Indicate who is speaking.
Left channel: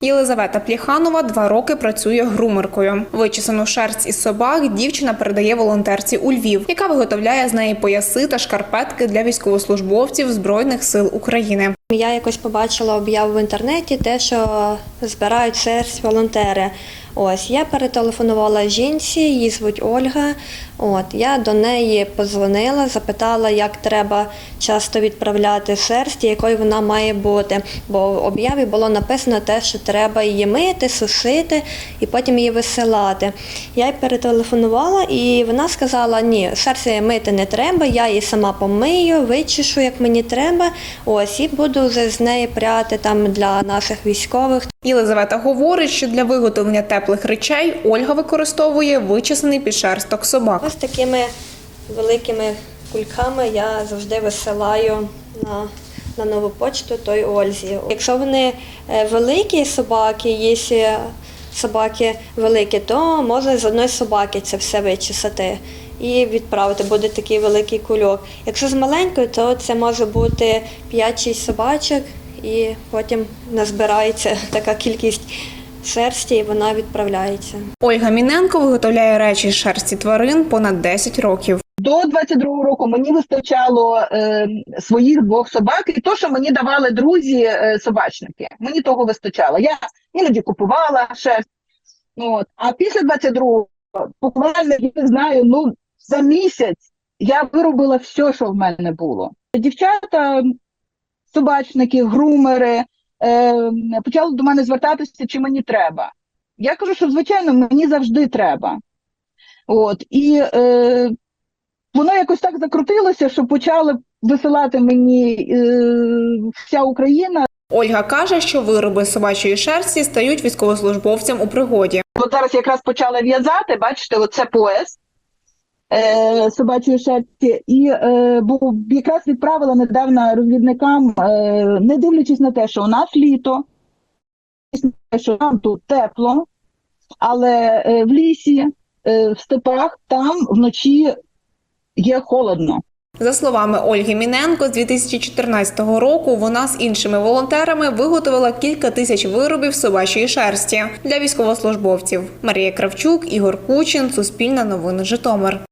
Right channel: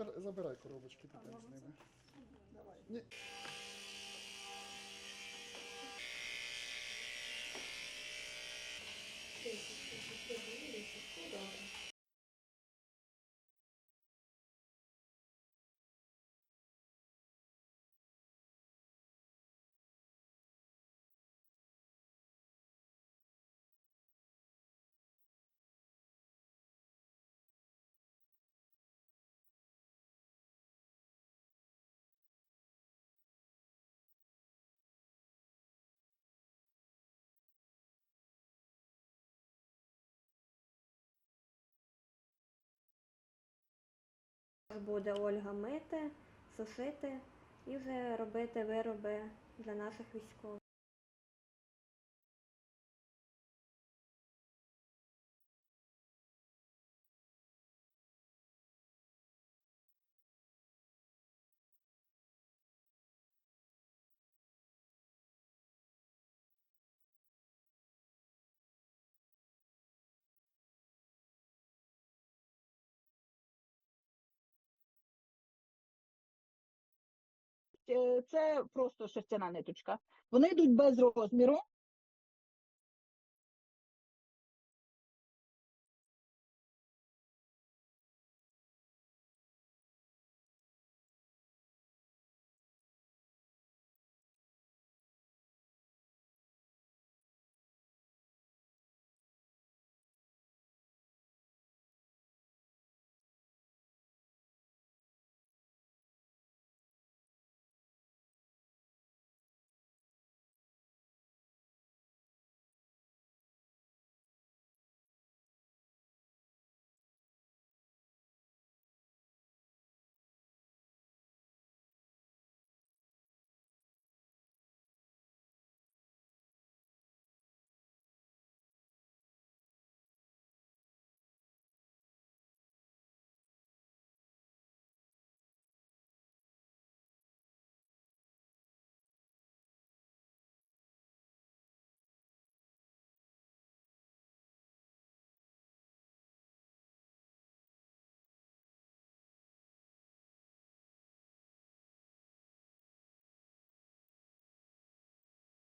Speaker 1: Єлизавета Пліханова два роки працює грумеркою. Вичесану шерсть із собак дівчина передає волонтерці у Львів, яка виготовляє з неї пояси та шкарпетки для військовослужбовців Збройних сил України.
Speaker 2: Я якось побачила об'яву в інтернеті, те, що збирають шерсть волонтери. Ось я перетелефонувала жінці, її звуть Ольга. От я до неї позвонила, запитала, як треба часто відправляти шерсть, і якою вона має бути. Бо в об'яві було написано те, що треба її мити, сушити і потім її висилати. Я їй перетелефонувала, і вона сказала: ні, шерсть мити не треба, я її сама помию, вичешу, як мені треба. Ось і буду вже з неї пряти там для наших військових.
Speaker 1: Єлизавета говорить, що для виготовлення теплих речей Ольга використовує вичислений підшерсток собак.
Speaker 2: Ось такими великими кульками я завжди висилаю на, на нову почту той Ользі. Якщо вони е, великі собаки, є собаки великі, то можна з одної собаки це все вичесати і відправити. Буде такий великий кульок. Якщо з маленькою, то це може бути 5-6 собачок, і потім назбирається така кількість шерсті, і вона відправляється.
Speaker 1: Ольга Міненко виготовляє речі з шерсті тварин понад 10 років.
Speaker 3: До 22-го року мені вистачало е, своїх двох собак, і то, що мені давали друзі е, собачники. Мені того вистачало. Я іноді купувала шерсть. От. А після 22-го, буквально я знаю, ну за місяць я виробила все, що в мене було. Дівчата, собачники, грумери е, почали до мене звертатися, чи мені треба. Я кажу, що звичайно мені завжди треба. От і е, воно якось так закрутилося, що почали висилати мені е, вся Україна.
Speaker 1: Ольга каже, що вироби з собачої шерсті стають військовослужбовцям у пригоді.
Speaker 3: От зараз якраз почала в'язати, бачите, оце пояс е, собачої шерсті, і е, бо якраз відправила недавно розвідникам, е, не дивлячись на те, що у нас літо, що нам тут тепло, але е, в лісі, е, в степах там вночі є холодно.
Speaker 1: За словами Ольги Міненко, з 2014 року вона з іншими волонтерами виготовила кілька тисяч виробів собачої шерсті для військовослужбовців. Марія Кравчук, Ігор Кучин, Суспільна новини Житомир.